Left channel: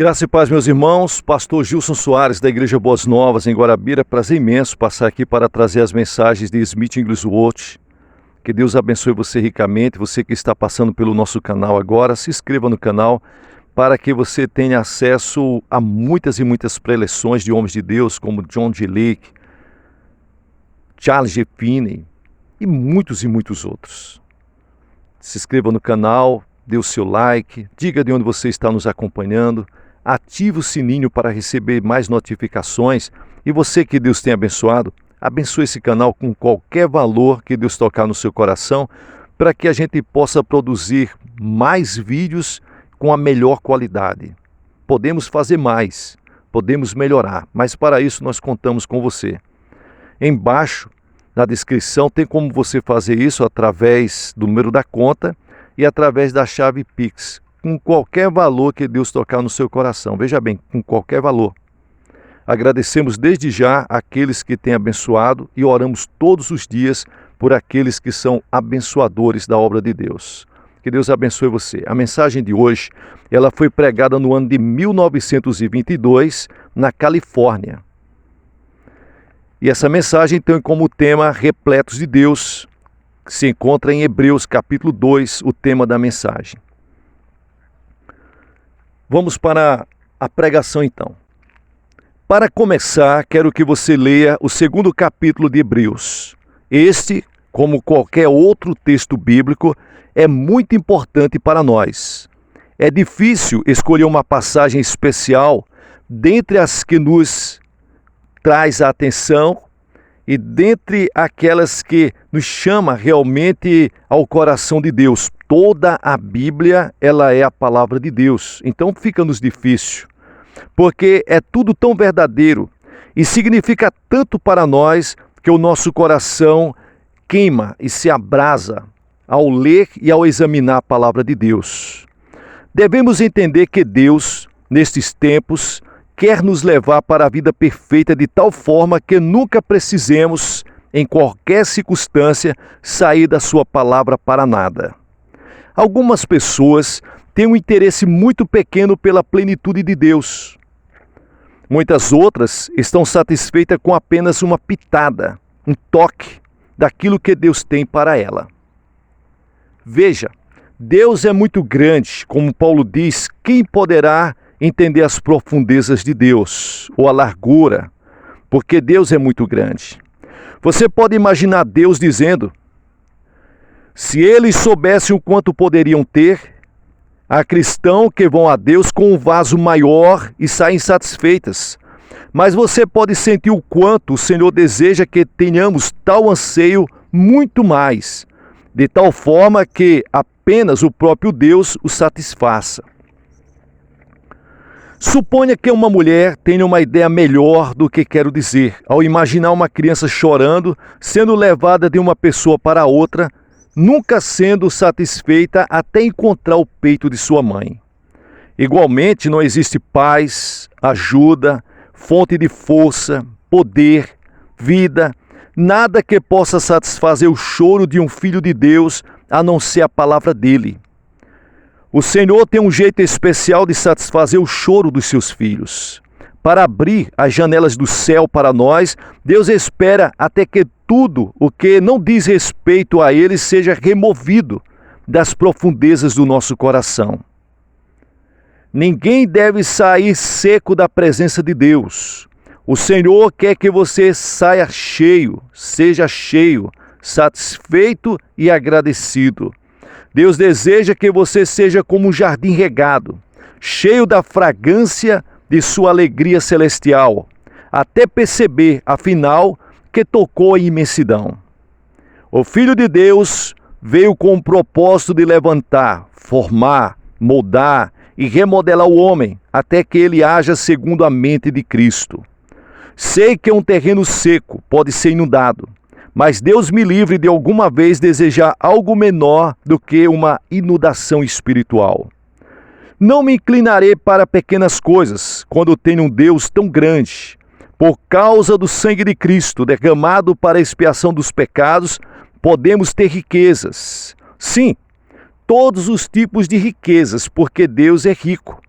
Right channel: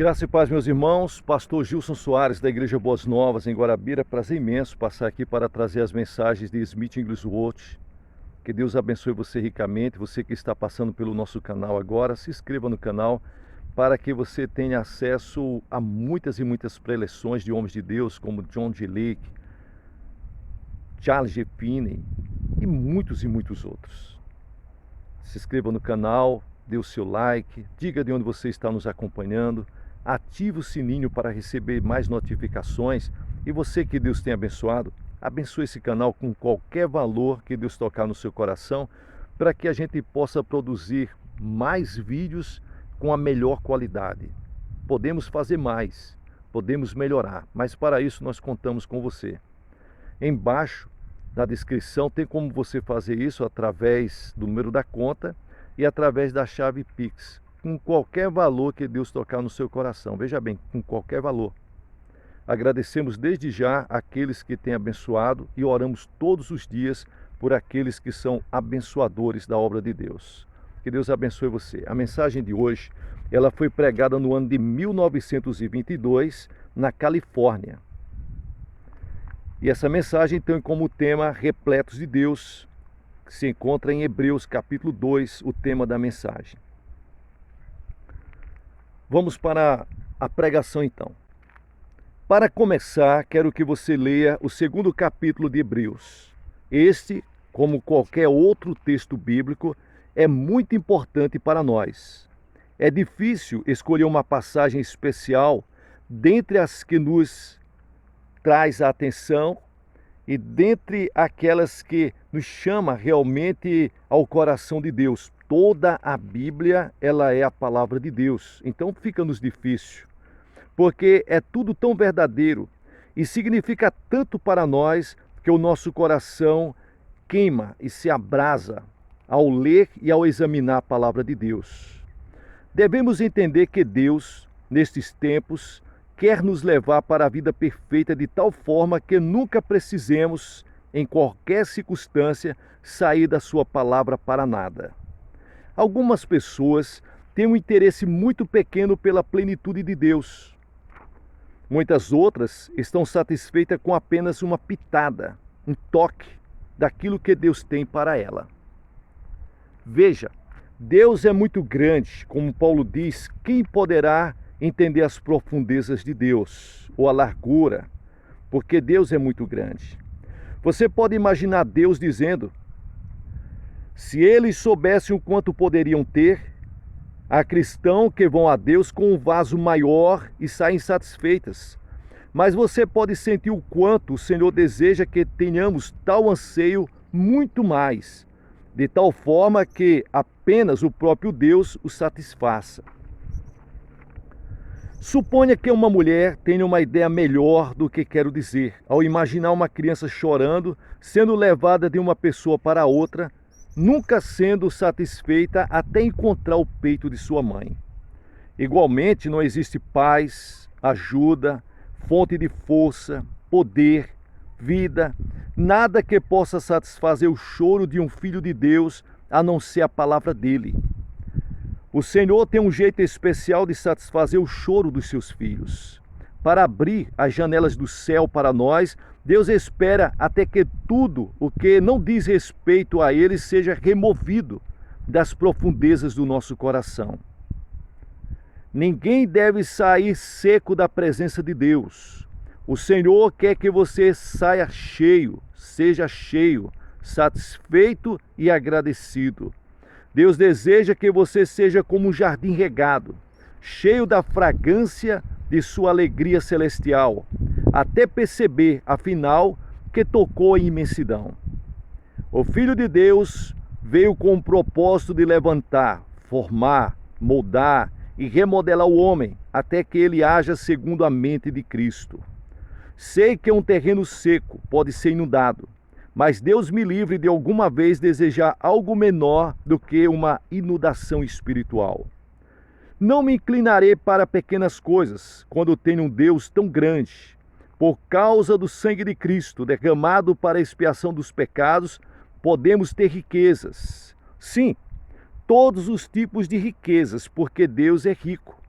Graça e paz, meus irmãos. Pastor Gilson Soares, da Igreja Boas Novas, em Guarabira. Prazer imenso passar aqui para trazer as mensagens de Smith Wigglesworth. Que Deus abençoe você ricamente. Você que está passando pelo nosso canal agora, se inscreva no canal para que você tenha acesso a muitas e muitas preleções de homens de Deus, como John G. Lake, Charles G. Finney e muitos outros. Se inscreva no canal, dê o seu like, diga de onde você está nos acompanhando, ative o sininho para receber mais notificações e você que Deus tem abençoado, abençoe esse canal com qualquer valor que Deus tocar no seu coração, para que a gente possa produzir mais vídeos com a melhor qualidade. Podemos fazer mais, podemos melhorar, mas para isso nós contamos com você. Embaixo, na descrição, tem como você fazer isso através do número da conta e através da chave Pix, com qualquer valor que Deus tocar no seu coração. Veja bem, com qualquer valor. Agradecemos desde já aqueles que têm abençoado e oramos todos os dias por aqueles que são abençoadores da obra de Deus. Que Deus abençoe você. A mensagem de hoje, ela foi pregada no ano de 1922, na Califórnia. E essa mensagem tem como tema Repletos de Deus, que se encontra em Hebreus capítulo 2, o tema da mensagem. Vamos para a pregação então. Para começar, quero que você leia o segundo capítulo de Hebreus. Este, como qualquer outro texto bíblico, é muito importante para nós. É difícil escolher uma passagem especial dentre as que nos traz a atenção e dentre aquelas que nos chama realmente ao coração de Deus. Toda a Bíblia, ela é a palavra de Deus. Então fica-nos difícil, porque é tudo tão verdadeiro e significa tanto para nós que o nosso coração queima e se abrasa ao ler e ao examinar a palavra de Deus. Devemos entender que Deus, nestes tempos, quer nos levar para a vida perfeita de tal forma que nunca precisemos, em qualquer circunstância, sair da sua palavra para nada. Algumas pessoas têm um interesse muito pequeno pela plenitude de Deus. Muitas outras estão satisfeitas com apenas uma pitada, um toque daquilo que Deus tem para ela. Veja, Deus é muito grande, como Paulo diz, quem poderá entender as profundezas de Deus, ou a largura, porque Deus é muito grande. Você pode imaginar Deus dizendo: se eles soubessem o quanto poderiam ter, há cristãos que vão a Deus com um vaso maior e saem satisfeitas. Mas você pode sentir o quanto o Senhor deseja que tenhamos tal anseio muito mais, de tal forma que apenas o próprio Deus o satisfaça. Suponha que uma mulher tenha uma ideia melhor do que quero dizer, ao imaginar uma criança chorando, sendo levada de uma pessoa para outra, nunca sendo satisfeita até encontrar o peito de sua mãe. Igualmente, não existe paz, ajuda, fonte de força, poder, vida, nada que possa satisfazer o choro de um filho de Deus, a não ser a palavra dele. O Senhor tem um jeito especial de satisfazer o choro dos seus filhos. Para abrir as janelas do céu para nós, Deus espera até que tudo o que não diz respeito a Ele seja removido das profundezas do nosso coração. Ninguém deve sair seco da presença de Deus. O Senhor quer que você saia cheio, seja cheio, satisfeito e agradecido. Deus deseja que você seja como um jardim regado, cheio da fragrância de sua alegria celestial, até perceber, afinal, que tocou a imensidão. O Filho de Deus veio com o propósito de levantar, formar, moldar e remodelar o homem, até que ele haja segundo a mente de Cristo. Sei que um terreno seco pode ser inundado, mas Deus me livre de alguma vez desejar algo menor do que uma inundação espiritual. Não me inclinarei para pequenas coisas quando tenho um Deus tão grande. Por causa do sangue de Cristo derramado para a expiação dos pecados, podemos ter riquezas. Sim, todos os tipos de riquezas, porque Deus é rico.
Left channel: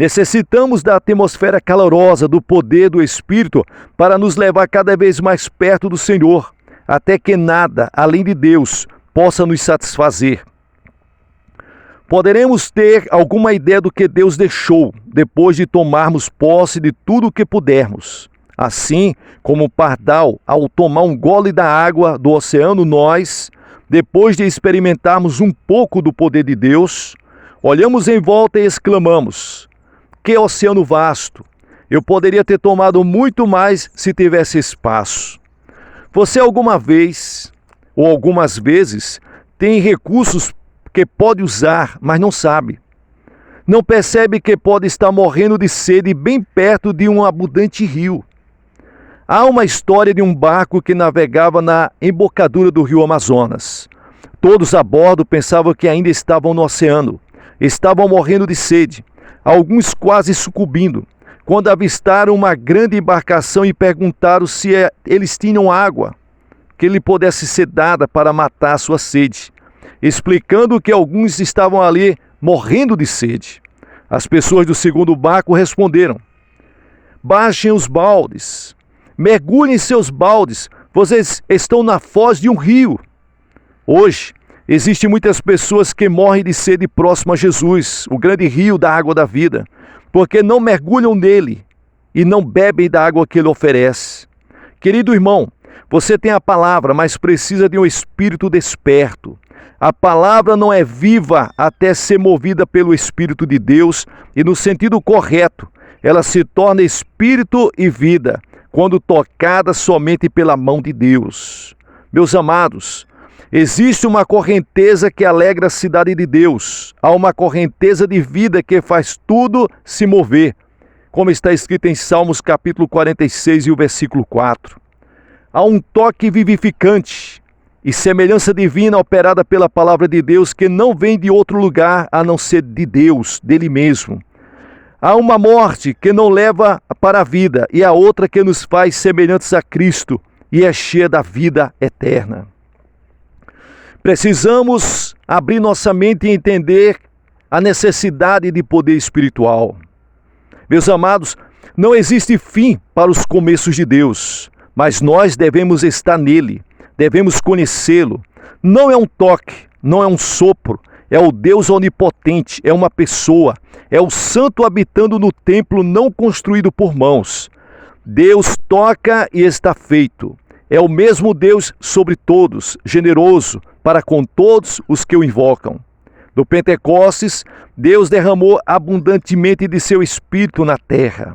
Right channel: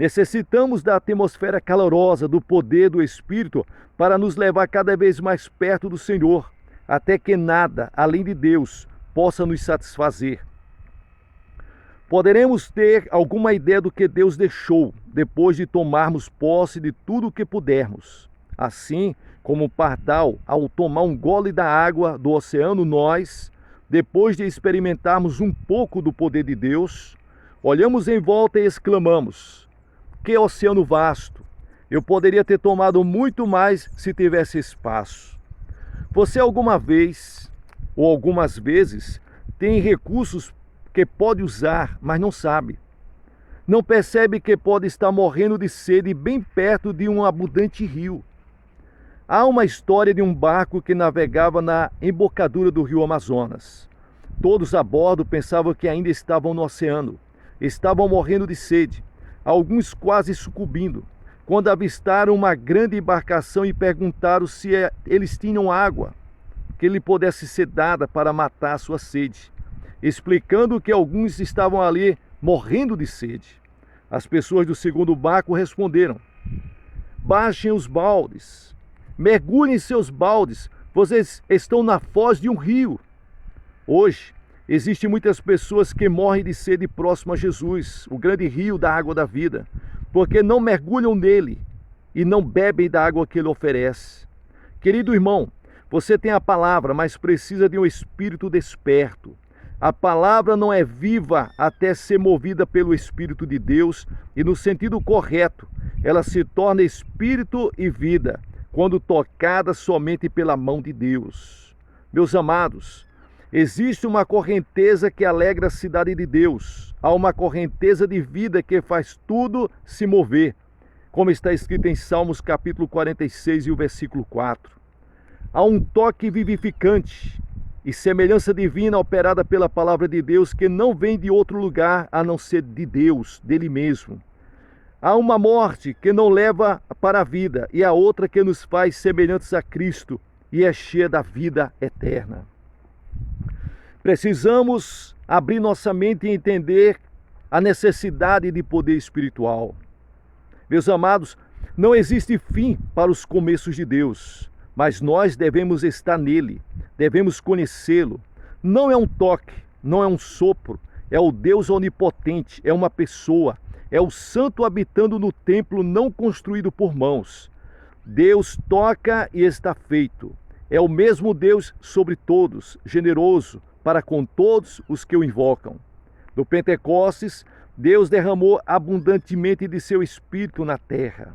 Necessitamos da atmosfera calorosa, do poder do Espírito para nos levar cada vez mais perto do Senhor, até que nada, além de Deus, possa nos satisfazer. Poderemos ter alguma ideia do que Deus deixou depois de tomarmos posse de tudo o que pudermos. Assim como o pardal, ao tomar um gole da água do oceano, nós, depois de experimentarmos um pouco do poder de Deus, olhamos em volta e exclamamos: que oceano vasto! Eu poderia ter tomado muito mais se tivesse espaço. Você alguma vez, ou algumas vezes, tem recursos que pode usar, mas não sabe. Não percebe que pode estar morrendo de sede bem perto de um abundante rio. Há uma história de um barco que navegava na embocadura do rio Amazonas. Todos a bordo pensavam que ainda estavam no oceano. Estavam morrendo de sede, alguns quase sucumbindo, quando avistaram uma grande embarcação e perguntaram se eles tinham água que lhe pudesse ser dada para matar a sua sede, explicando que alguns estavam ali morrendo de sede. As pessoas do segundo barco responderam: baixem os baldes, mergulhem seus baldes, vocês estão na foz de um rio. Hoje, existem muitas pessoas que morrem de sede próximo a Jesus, o grande rio da água da vida, porque não mergulham nele e não bebem da água que ele oferece. Querido irmão, você tem a palavra, mas precisa de um espírito desperto. A palavra não é viva até ser movida pelo Espírito de Deus e, no sentido correto, ela se torna espírito e vida quando tocada somente pela mão de Deus. Meus amados, existe uma correnteza que alegra a cidade de Deus. Há uma correnteza de vida que faz tudo se mover, como está escrito em Salmos capítulo 46 e o versículo 4. Há um toque vivificante e semelhança divina operada pela palavra de Deus que não vem de outro lugar a não ser de Deus, dele mesmo. Há uma morte que não leva para a vida e a outra que nos faz semelhantes a Cristo e é cheia da vida eterna. Precisamos abrir nossa mente e entender a necessidade de poder espiritual. Meus amados, não existe fim para os começos de Deus, mas nós devemos estar nele, devemos conhecê-lo. Não é um toque, não é um sopro, é o Deus onipotente, é uma pessoa, é o Santo habitando no templo não construído por mãos. Deus toca e está feito. É o mesmo Deus sobre todos, generoso para com todos os que o invocam. No Pentecostes, Deus derramou abundantemente de seu Espírito na terra.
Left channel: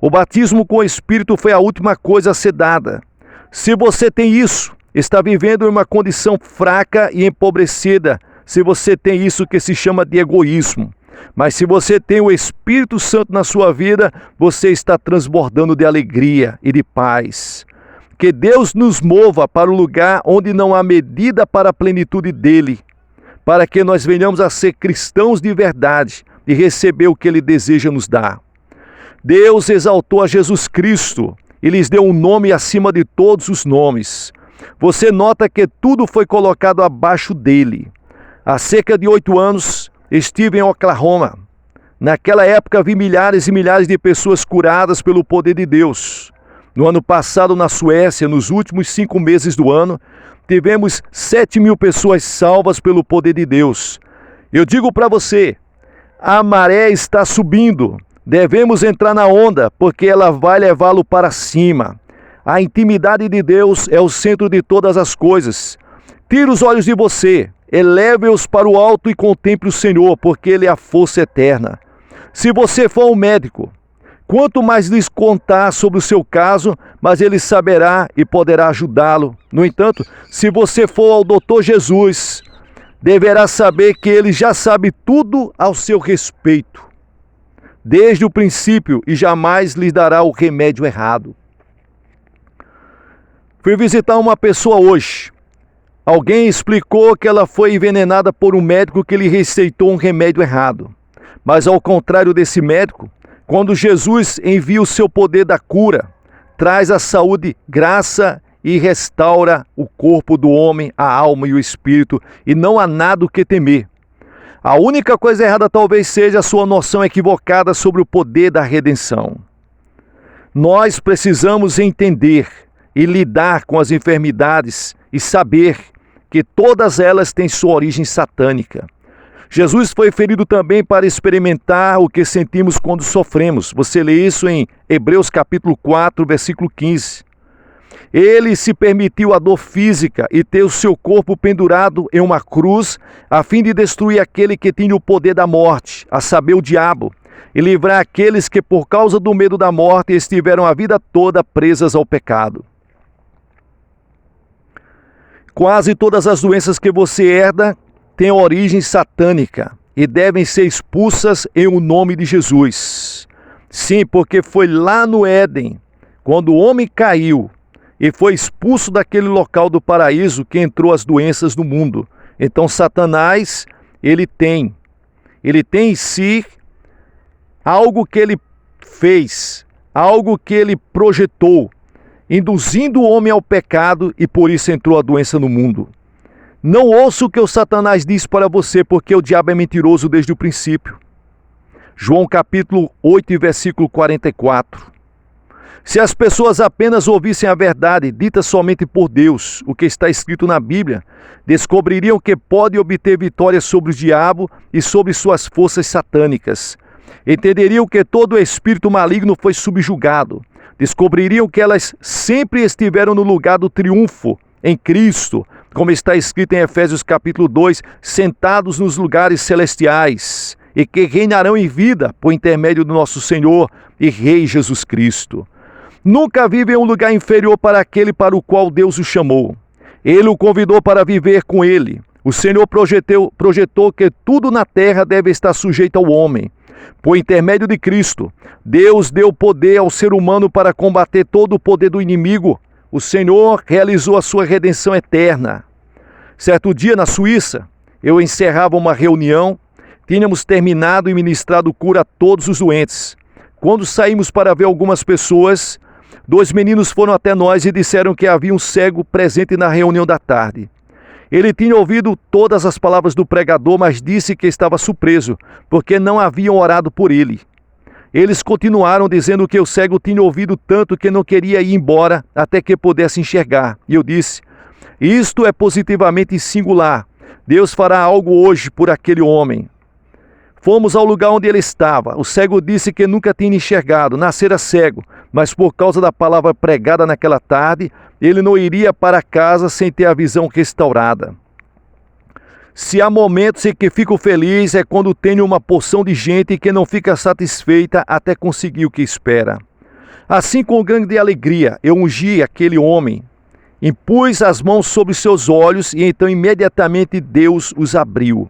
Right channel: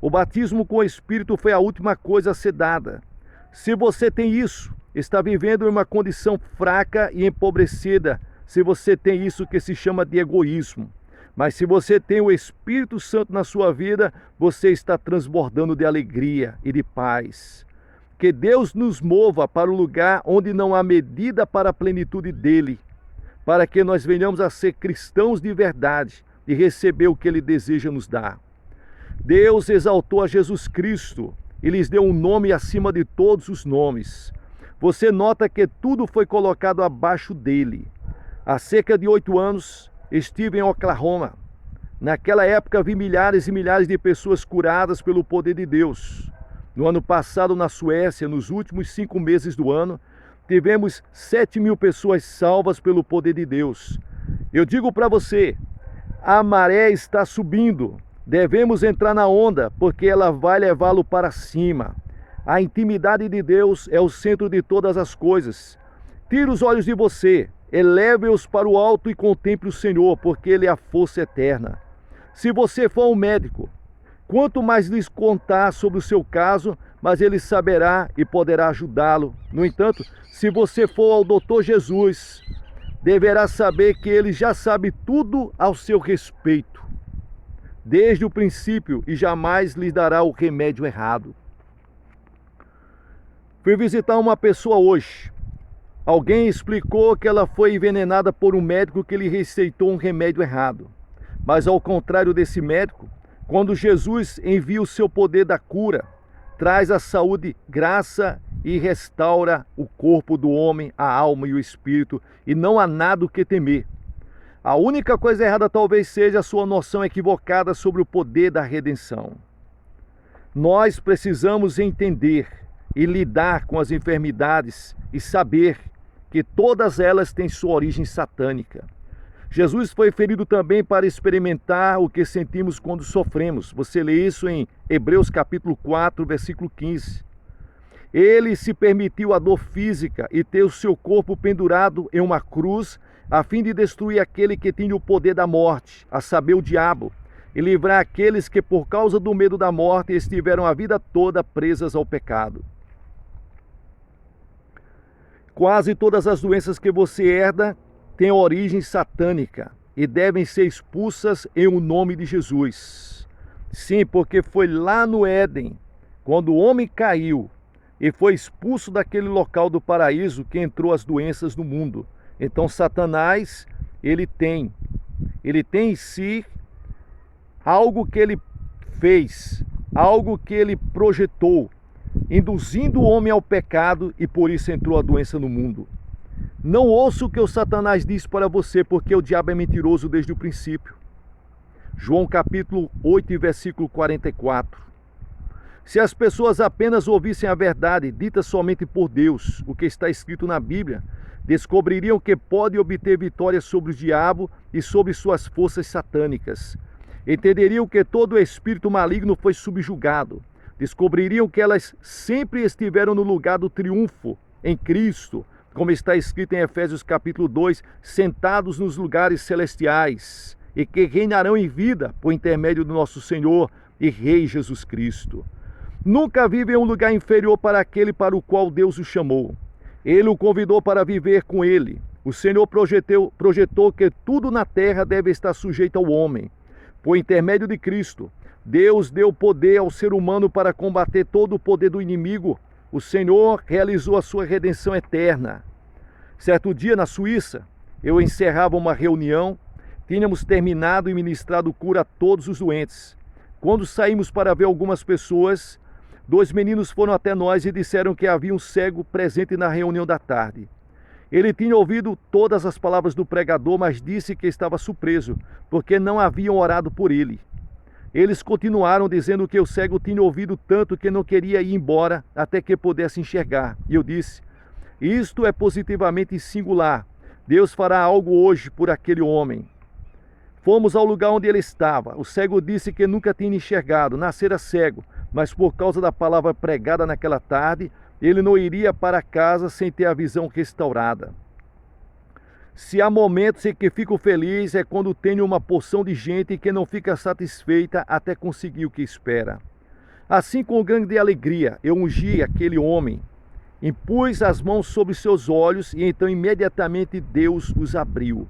O batismo com o Espírito foi a última coisa a ser dada. Se você tem isso, está vivendo em uma condição fraca e empobrecida, se você tem isso que se chama de egoísmo. Mas se você tem o Espírito Santo na sua vida, você está transbordando de alegria e de paz. Que Deus nos mova para o lugar onde não há medida para a plenitude dele, para que nós venhamos a ser cristãos de verdade e receber o que ele deseja nos dar. Deus exaltou a Jesus Cristo e lhes deu um nome acima de todos os nomes. Você nota que tudo foi colocado abaixo dele. Há cerca de 8 anos, estive em Oklahoma. Naquela época, vi milhares e milhares de pessoas curadas pelo poder de Deus. No ano passado, na Suécia, nos últimos 5 meses do ano, tivemos 7.000 pessoas salvas pelo poder de Deus. Eu digo para você, a maré está subindo. Devemos entrar na onda, porque ela vai levá-lo para cima. A intimidade de Deus é o centro de todas as coisas. Tire os olhos de você, eleve-os para o alto e contemple o Senhor, porque Ele é a força eterna. Se você for um médico, quanto mais lhes contar sobre o seu caso, mas ele saberá e poderá ajudá-lo. No entanto, se você for ao Dr. Jesus, deverá saber que ele já sabe tudo ao seu respeito, desde o princípio, e jamais lhes dará o remédio errado. Fui visitar uma pessoa hoje. Alguém explicou que ela foi envenenada por um médico que lhe receitou um remédio errado. Mas ao contrário desse médico, quando Jesus envia o seu poder da cura, traz a saúde, graça e restaura o corpo do homem, a alma e o espírito, e não há nada o que temer. A única coisa errada talvez seja a sua noção equivocada sobre o poder da redenção. Nós precisamos entender e lidar com as enfermidades e saber que todas elas têm sua origem satânica. Jesus foi ferido também para experimentar o que sentimos quando sofremos. Você lê isso em Hebreus capítulo 4, versículo 15. Ele se permitiu a dor física e ter o seu corpo pendurado em uma cruz, a fim de destruir aquele que tinha o poder da morte, a saber, o diabo, e livrar aqueles que, por causa do medo da morte, estiveram a vida toda presas ao pecado. Quase todas as doenças que você herda têm origem satânica e devem ser expulsas em o nome de Jesus. Sim, porque foi lá no Éden, quando o homem caiu e foi expulso daquele local do paraíso, que entrou as doenças no mundo. Então Satanás, ele tem em si algo que ele fez, algo que ele projetou, induzindo o homem ao pecado, e por isso entrou a doença no mundo. Não ouça o que o Satanás diz para você, porque o diabo é mentiroso desde o princípio. João capítulo 8, versículo 44. Se as pessoas apenas ouvissem a verdade, dita somente por Deus, o que está escrito na Bíblia, descobririam que podem obter vitória sobre o diabo e sobre suas forças satânicas. Entenderiam que todo espírito maligno foi subjugado. Descobririam que elas sempre estiveram no lugar do triunfo em Cristo, como está escrito em Efésios capítulo 2, sentados nos lugares celestiais, e que reinarão em vida por intermédio do nosso Senhor e Rei Jesus Cristo. Nunca vive em um lugar inferior para aquele para o qual Deus o chamou. Ele o convidou para viver com ele. O Senhor projetou que tudo na terra deve estar sujeito ao homem. Por intermédio de Cristo, Deus deu poder ao ser humano para combater todo o poder do inimigo. O Senhor realizou a sua redenção eterna. Certo dia, na Suíça, eu encerrava uma reunião, tínhamos terminado e ministrado cura a todos os doentes. Quando saímos para ver algumas pessoas, 2 meninos foram até nós e disseram que havia um cego presente na reunião da tarde. Ele tinha ouvido todas as palavras do pregador, mas disse que estava surpreso, porque não haviam orado por ele. Eles continuaram dizendo que o cego tinha ouvido tanto que não queria ir embora até que pudesse enxergar. E eu disse: isto é positivamente singular. Deus fará algo hoje por aquele homem. Fomos ao lugar onde ele estava. O cego disse que nunca tinha enxergado, nascera cego, mas por causa da palavra pregada naquela tarde, ele não iria para casa sem ter a visão restaurada. Se há momentos em que fico feliz, é quando tenho uma porção de gente que não fica satisfeita até conseguir o que espera. Assim, com grande alegria, eu ungi aquele homem, impus as mãos sobre seus olhos e então imediatamente Deus os abriu.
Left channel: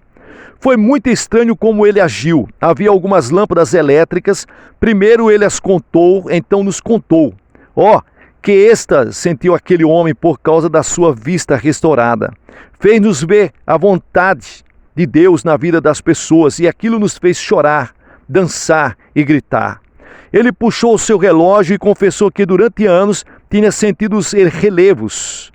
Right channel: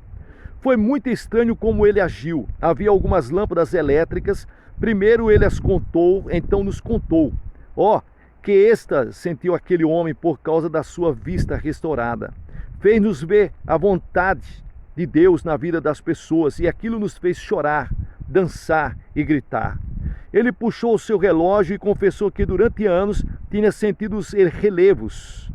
Foi muito estranho como ele agiu. Havia algumas lâmpadas elétricas. Primeiro ele as contou, então nos contou. Que êxtase sentiu aquele homem por causa da sua vista restaurada. Fez-nos ver a vontade de Deus na vida das pessoas, e aquilo nos fez chorar, dançar e gritar. Ele puxou o seu relógio e confessou que durante anos tinha sentido os relevos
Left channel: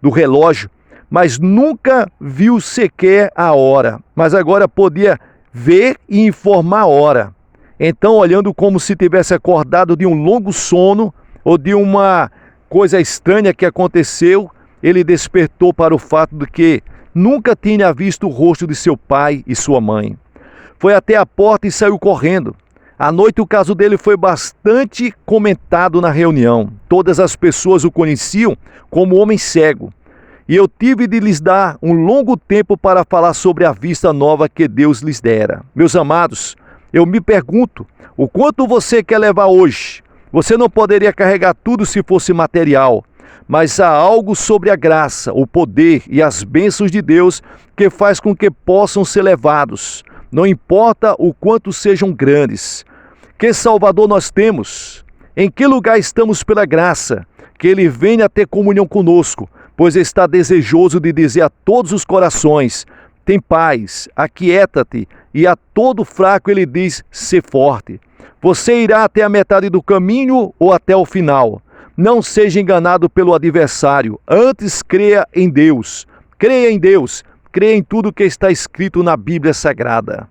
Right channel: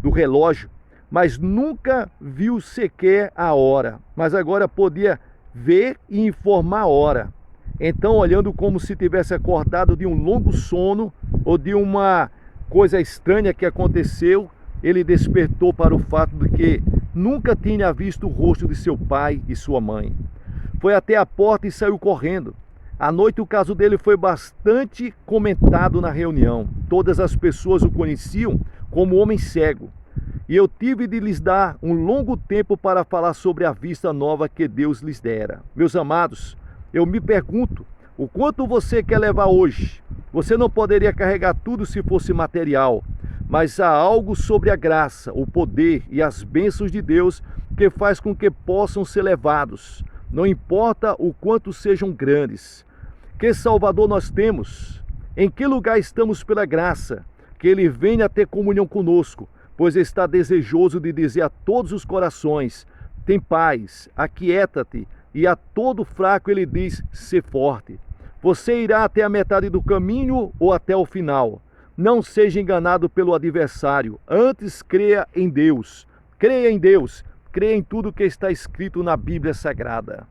do relógio, mas nunca viu sequer a hora. Mas agora podia ver e informar a hora. Então, olhando como se tivesse acordado de um longo sono ou de uma coisa estranha que aconteceu, ele despertou para o fato de que nunca tinha visto o rosto de seu pai e sua mãe. Foi até a porta e saiu correndo. À noite o caso dele foi bastante comentado na reunião. Todas as pessoas o conheciam como homem cego. E eu tive de lhes dar um longo tempo para falar sobre a vista nova que Deus lhes dera. Meus amados, eu me pergunto, o quanto você quer levar hoje? Você não poderia carregar tudo se fosse material, mas há algo sobre a graça, o poder e as bênçãos de Deus que faz com que possam ser levados, não importa o quanto sejam grandes. Que Salvador nós temos? Em que lugar estamos pela graça? Que Ele venha ter comunhão conosco, pois está desejoso de dizer a todos os corações: tem paz, aquieta-te, e a todo fraco Ele diz: sê forte. Você irá até a metade do caminho ou até o final. Não seja enganado pelo adversário, antes creia em Deus. Creia em Deus, crê em tudo que está escrito na Bíblia Sagrada.